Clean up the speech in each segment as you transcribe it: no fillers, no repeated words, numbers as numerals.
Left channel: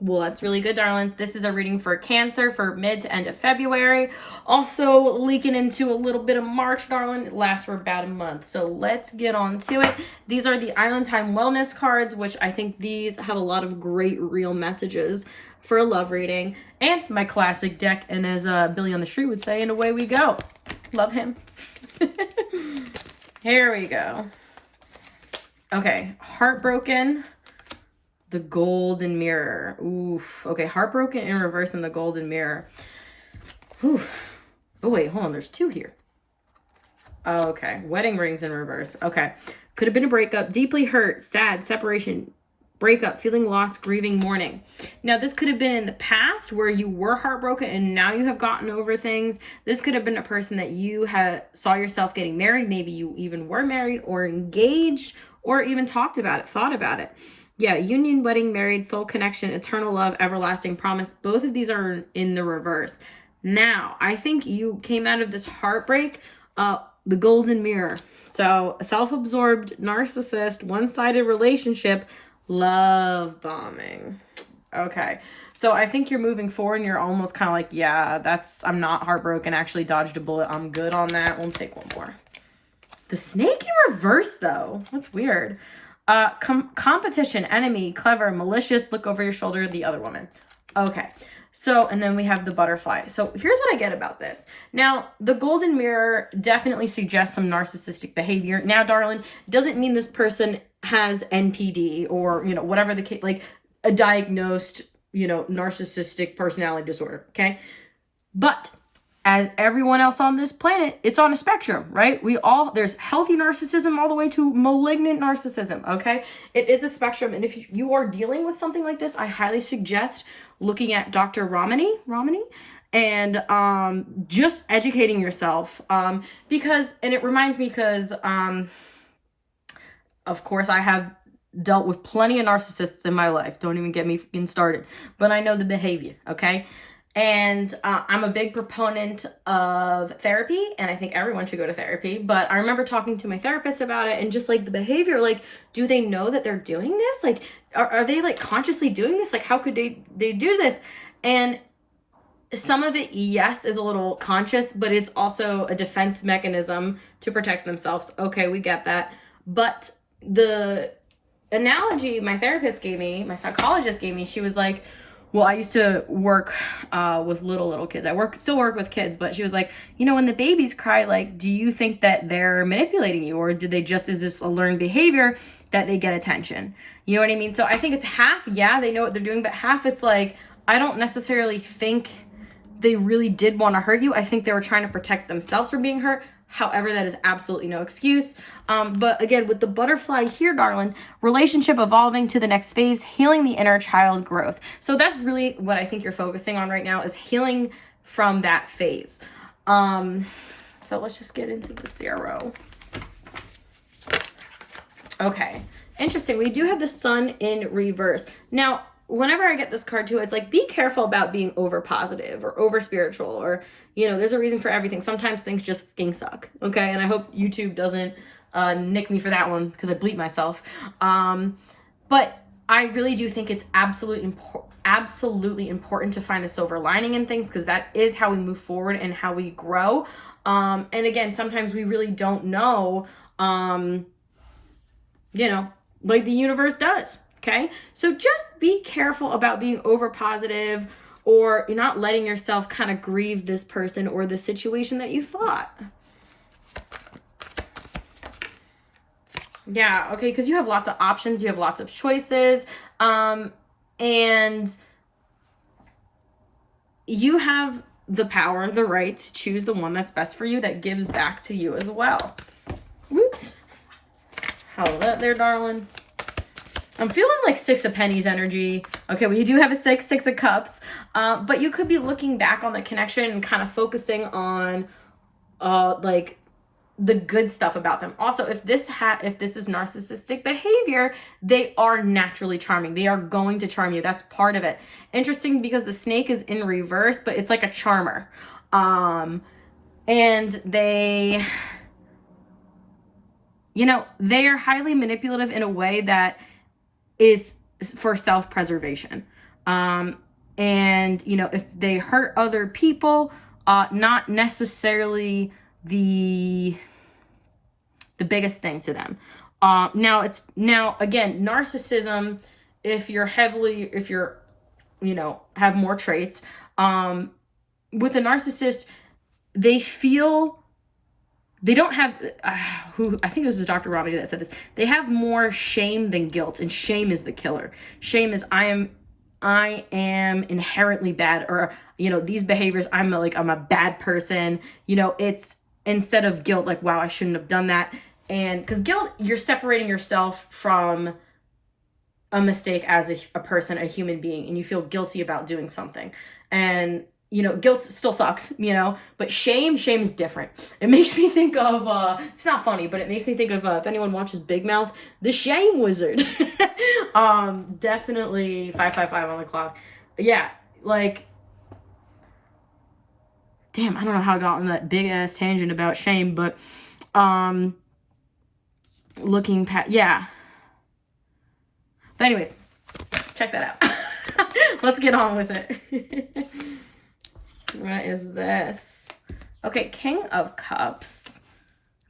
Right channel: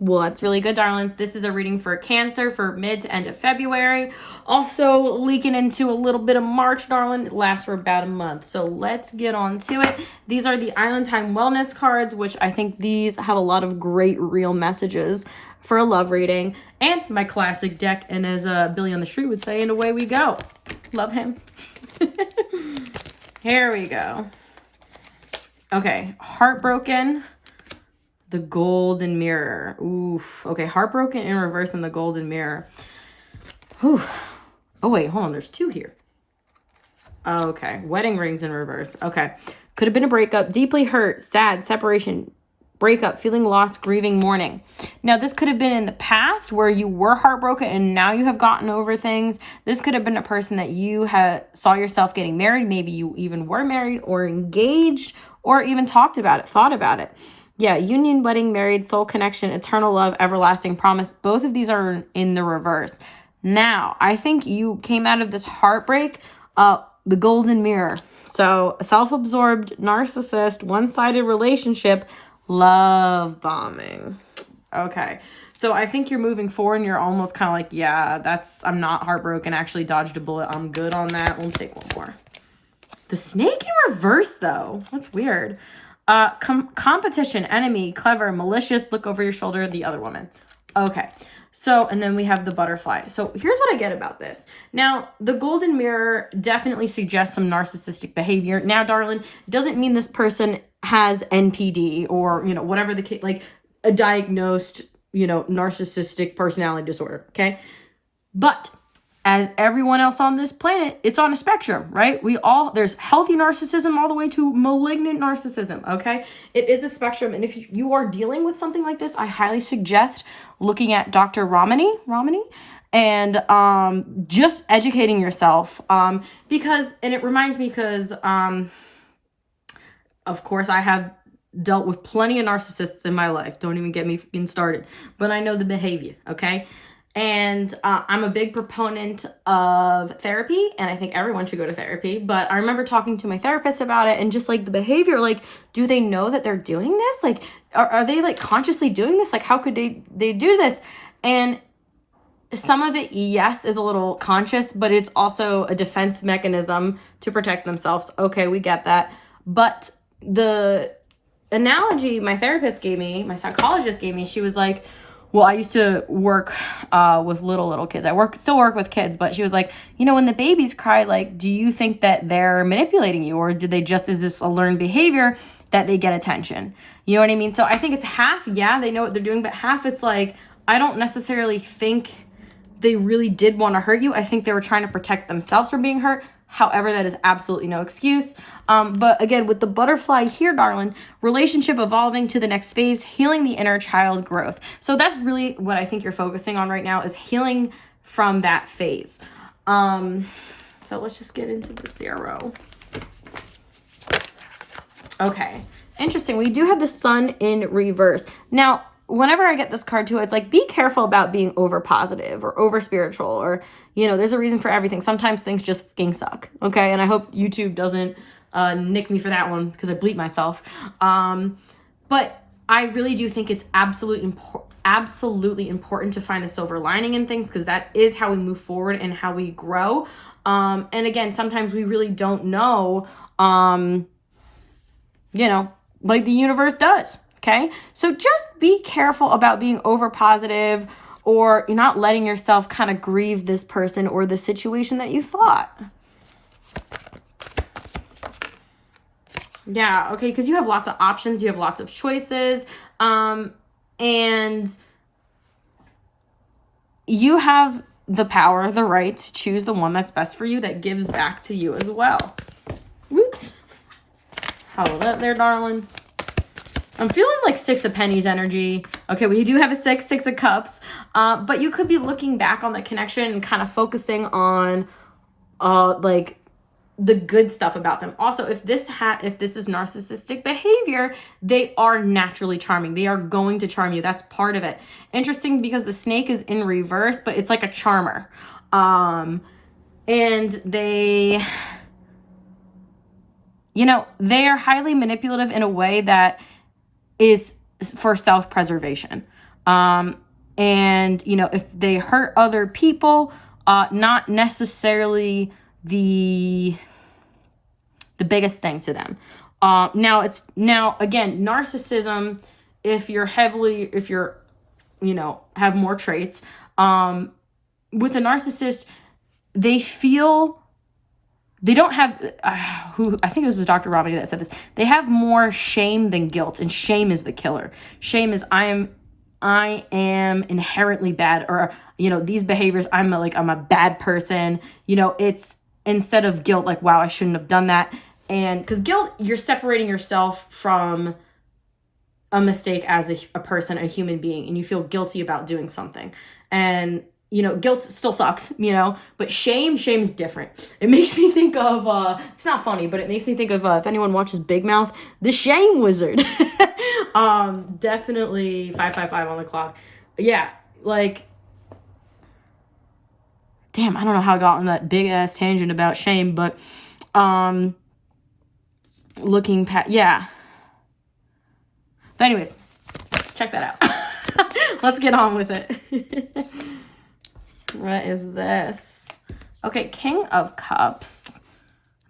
Well, that's really good, darlings. This is a reading for Cancer for mid to end of February. Also leaking into a little bit of March, darling. It lasts for about a month. So let's get on to it. These are the Island Time Wellness cards, which I think these have a lot of great real messages for a love reading. And my classic deck, and as Billy on the Street would say, and away we go. Love him. Here we go. Okay, Heartbroken. The Golden Mirror. Oof. Okay, Heartbroken in reverse and the Golden Mirror. Whew. Oh, wait, hold on. There's two here. Okay, Wedding Rings in reverse. Okay. Could have been a breakup. Deeply hurt, sad, separation, breakup, feeling lost, grieving, mourning. Now, this could have been in the past where you were heartbroken and now you have gotten over things. This could have been a person that you saw yourself getting married. Maybe you even were married or engaged or even talked about it, thought about it. Yeah, union, wedding, married, soul connection, eternal love, everlasting promise. Both of these are in the reverse. Now, I think you came out of this heartbreak, the Golden Mirror. So, a self-absorbed, narcissist, one-sided relationship, love bombing. Okay, so I think you're moving forward and you're almost kind of like, yeah, I'm not heartbroken, actually dodged a bullet. I'm good on that. We'll take one more. The snake in reverse, though. That's weird. Competition, enemy, clever, malicious, look over your shoulder, the other woman. Okay. So, and then we have the butterfly. So here's what I get about this. Now, the Golden Mirror definitely suggests some narcissistic behavior. Now, darling, doesn't mean this person has NPD or, whatever the case, like a diagnosed, narcissistic personality disorder. Okay. But as everyone else on this planet, it's on a spectrum, right? There's healthy narcissism all the way to malignant narcissism, okay? It is a spectrum, and if you are dealing with something like this, I highly suggest looking at Dr. Ramani, and just educating yourself, because it reminds me, because of course I have dealt with plenty of narcissists in my life. Don't even get me started, but I know the behavior, okay? And I'm a big proponent of therapy, and I think everyone should go to therapy. But I remember talking to my therapist about it, and just like the behavior, like, do they know that they're doing this? Like, are they like consciously doing this? Like, how could they do this? And some of it, yes, is a little conscious, but it's also a defense mechanism to protect themselves. Okay, we get that. But the analogy my therapist gave me, my psychologist gave me, she was like, well, I used to work with little kids. Still work with kids, but she was like, when the babies cry, like, do you think that they're manipulating you, or is this a learned behavior that they get attention? You know what I mean? So I think it's half, yeah, they know what they're doing, but half it's like, I don't necessarily think they really did want to hurt you. I think they were trying to protect themselves from being hurt. However, that is absolutely no excuse. But again, with the butterfly here, darling, relationship evolving to the next phase, healing the inner child growth. So that's really what I think you're focusing on right now, is healing from that phase. So let's just get into the CRO. Okay, interesting. We do have the sun in reverse. Now, whenever I get this card too, it's like, be careful about being over positive or over spiritual, or, there's a reason for everything. Sometimes things just fucking suck. Okay. And I hope YouTube doesn't nick me for that one, because I bleep myself. But I really do think it's absolutely important to find the silver lining in things, because that is how we move forward and how we grow. And again, sometimes we really don't know, like the universe does. Okay. So just be careful about being over positive, or you're not letting yourself kind of grieve this person or the situation that you thought. Yeah. Okay. Because you have lots of options. You have lots of choices. And you have the power, the right to choose the one that's best for you, that gives back to you as well. Whoops. Hold up there, darling. I'm feeling like Six of Pennies energy. Okay, we do have a six of cups, but you could be looking back on the connection and kind of focusing on, like, the good stuff about them. Also, if this is narcissistic behavior, they are naturally charming. They are going to charm you. That's part of it. Interesting, because the snake is in reverse, but it's like a charmer, and they are highly manipulative in a way that is for self-preservation. And, you know, if they hurt other people, not necessarily the biggest thing to them. Now again, narcissism, if you're, you know, have more traits, with a narcissist, they don't have, I think it was Dr. Robbie that said this. They have more shame than guilt, and shame is the killer. Shame is, I am inherently bad, or, you know, these behaviors, I'm a bad person. You know, it's instead of guilt, like, wow, I shouldn't have done that. And because guilt, you're separating yourself from a mistake as a person, a human being, and you feel guilty about doing something. And, you know, guilt still sucks, you know, but shame's different. It makes me think of, it's not funny, but it makes me think of, if anyone watches Big Mouth, the Shame Wizard. Definitely 555 on the clock. Yeah, like, damn, I don't know how I got on that big ass tangent about shame, but, looking past, yeah. But anyways, check that out. Let's get on with it. What is this? Okay, King of Cups.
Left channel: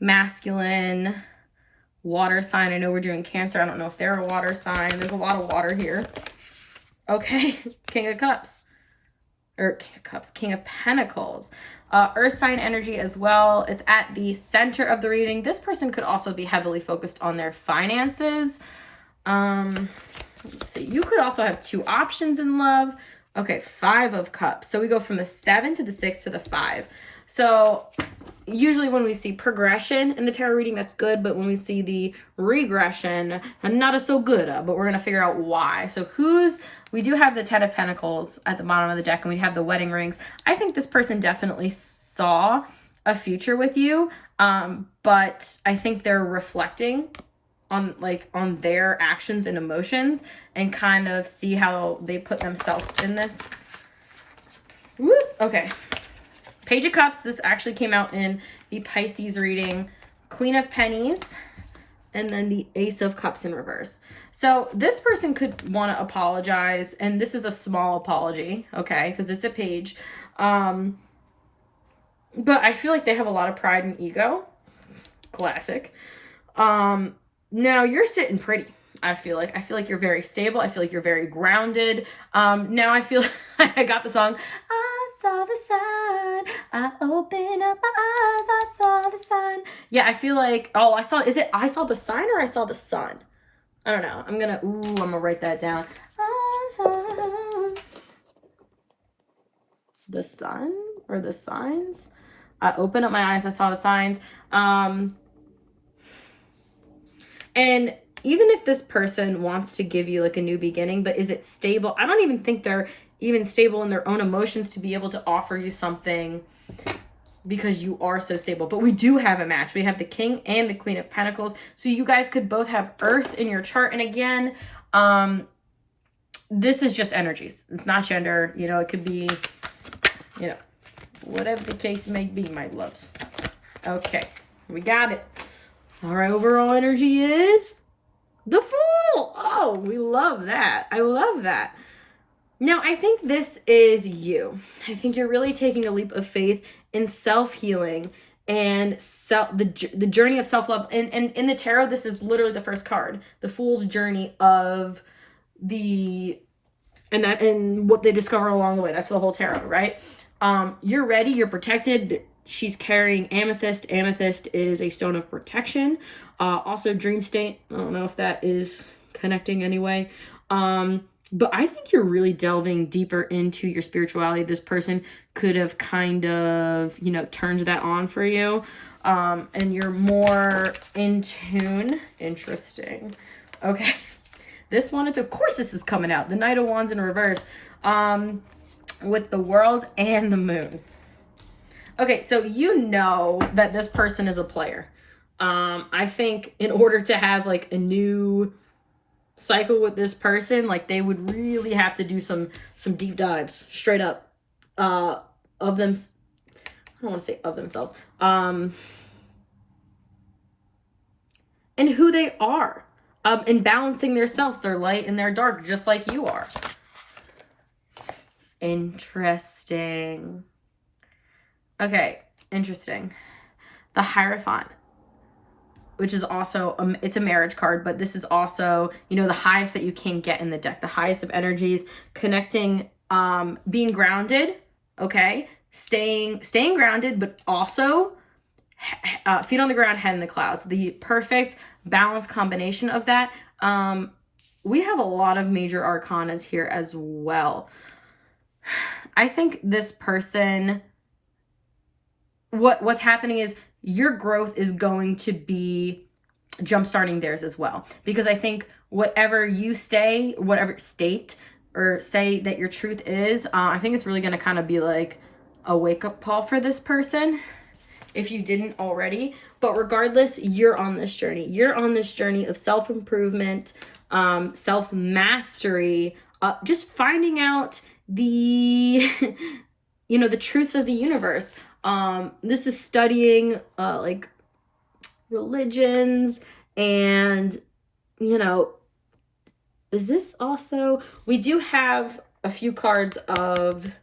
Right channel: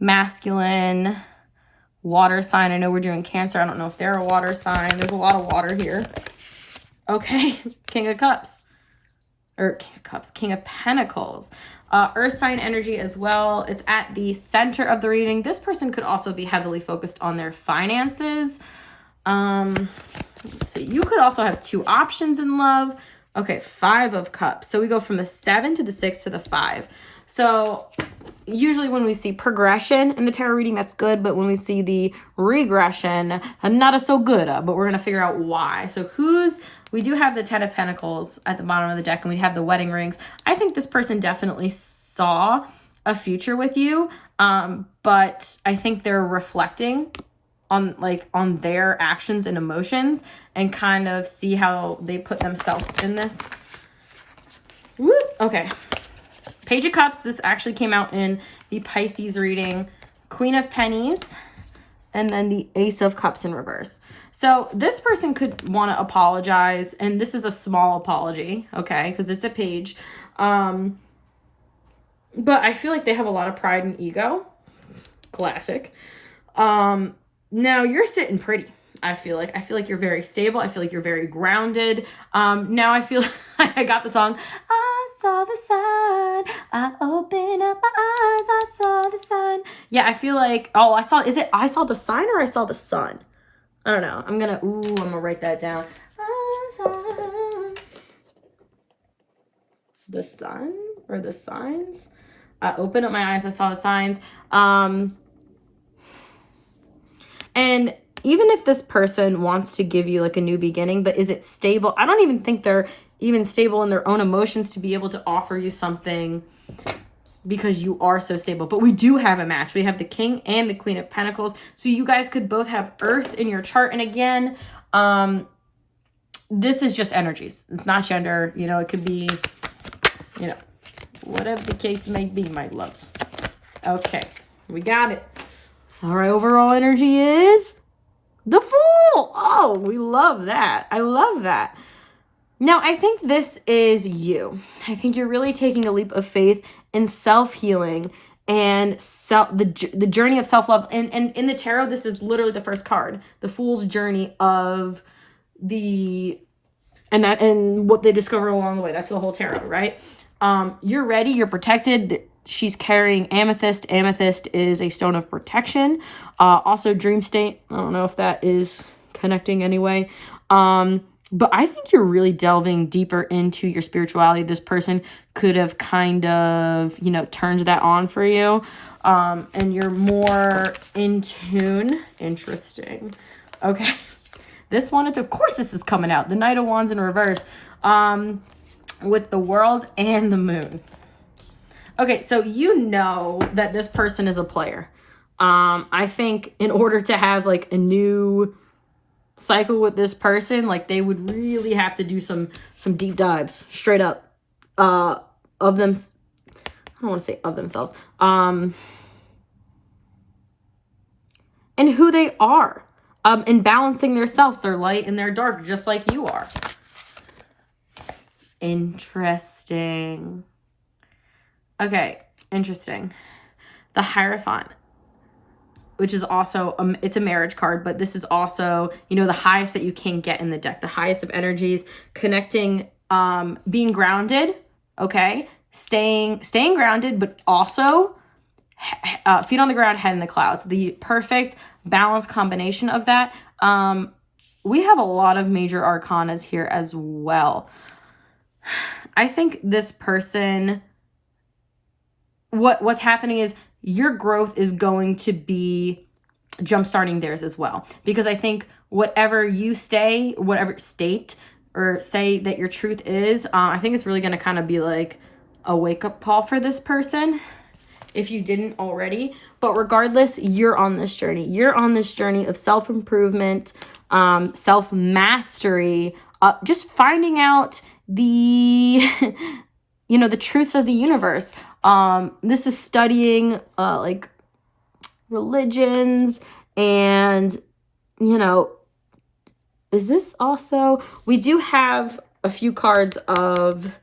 Masculine. Water sign. I know we're doing Cancer. I don't know if they're a water sign. There's a lot of water here. Okay, King of Cups. Or King of Cups. King of Pentacles. Earth sign energy as well. It's at the center of the reading. This person could also be heavily focused on their finances. Let's see. You could also have two options in love. Okay, 5 of Cups. So we go from the 7 to the 6 to the 5. So usually when we see progression in the tarot reading, that's good. But when we see the regression, not so good. But we're going to figure out why. So we do have the 10 of Pentacles at the bottom of the deck, and we have the wedding rings. I think this person definitely saw a future with you. But I think they're reflecting on their actions and emotions, and kind of see how they put themselves in this. Woo! Okay. Page of Cups. This actually came out in the Pisces reading. Queen of Pennies. And then the Ace of Cups in reverse. So this person could want to apologize. And this is a small apology. Okay. Because it's a page. But I feel like they have a lot of pride and ego. Classic. Now you're sitting pretty. I feel like you're very stable. I feel like you're very grounded. Now I feel I got the song. I saw the sun. I opened up my eyes. I saw the sun. Yeah, I feel like, I saw the sign or I saw the sun? I don't know. I'm gonna write that down. I saw the sun or the signs. I opened up my eyes. I saw the signs. And even if this person wants to give you like a new beginning, but is it stable? I don't even think they're even stable in their own emotions to be able to offer you something, because you are so stable. But we do have a match. We have the King and the Queen of Pentacles. So you guys could both have Earth in your chart. And again, this is just energies. It's not gender. You know, it could be, you know, whatever the case may be, my loves. Okay, we got it. Our overall energy is the Fool. Oh, we love that. I love that. Now, I think this is you. I think you're really taking a leap of faith in self-healing and the journey of self-love. And in the tarot, this is literally the first card, the Fool's journey of and what they discover along the way. That's the whole tarot, right? You're ready. You're protected. She's carrying amethyst. Amethyst is a stone of protection. Also dream state. I don't know if that is connecting anyway. But I think you're really delving deeper into your spirituality. This person could have kind of, you know, turned that on for you. And you're more in tune. Interesting. Okay. Of course this is coming out. The Knight of Wands in reverse. With the World and the Moon. Okay, so you know that this person is a player. I think in order to have like a new cycle with this person, like they would really have to do some deep dives straight up of them. I don't want to say of themselves. And who they are. And balancing their selves, their light and their dark, just like you are. Interesting. Okay, interesting. The Hierophant, which is also, it's a marriage card, but this is also, you know, the highest that you can get in the deck, the highest of energies, connecting, being grounded, okay? Staying grounded, but also feet on the ground, head in the clouds. The perfect balanced combination of that. We have a lot of major arcanas here as well. I think this person, what's happening is your growth is going to be jumpstarting theirs as well. Because I think whatever you stay, whatever state or say that your truth is, I think it's really going to kind of be like a wake-up call for this person if you didn't already. But regardless, you're on this journey. You're on this journey of self-improvement, self-mastery, just finding out the, you know, the truths of the universe. This is studying, like religions and, you know, is this also, we do have a few cards of,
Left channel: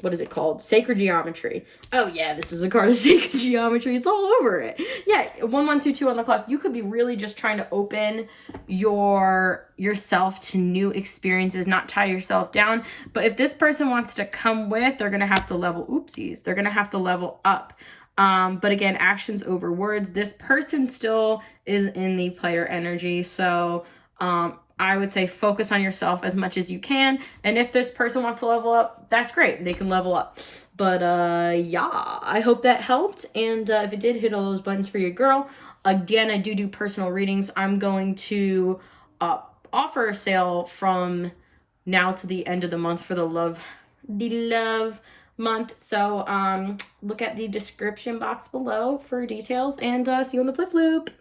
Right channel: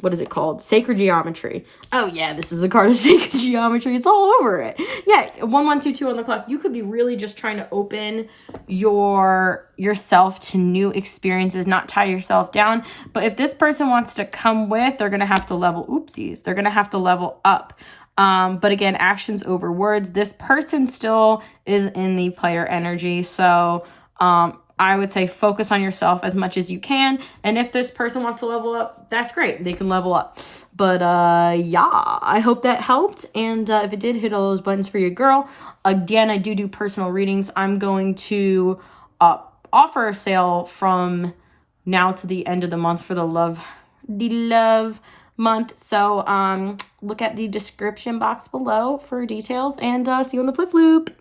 what is it called? Sacred Geometry. Oh yeah, this is a card of Sacred Geometry. It's all over it. Yeah, 1122 on the clock. You could be really just trying to open yourself to new experiences, not tie yourself down. But if this person wants to come with, they're going to have to level, oopsies, they're going to have to level up. But again, actions over words. This person still is in the player energy. So, I would say focus on yourself as much as you can. And if this person wants to level up, that's great. They can level up. But yeah, I hope that helped. And if it did, hit all those buttons for your girl. Again, I do personal readings. I'm going to offer a sale from now to the end of the month for the love month. So look at the description box below for details, and see you on the flip loop.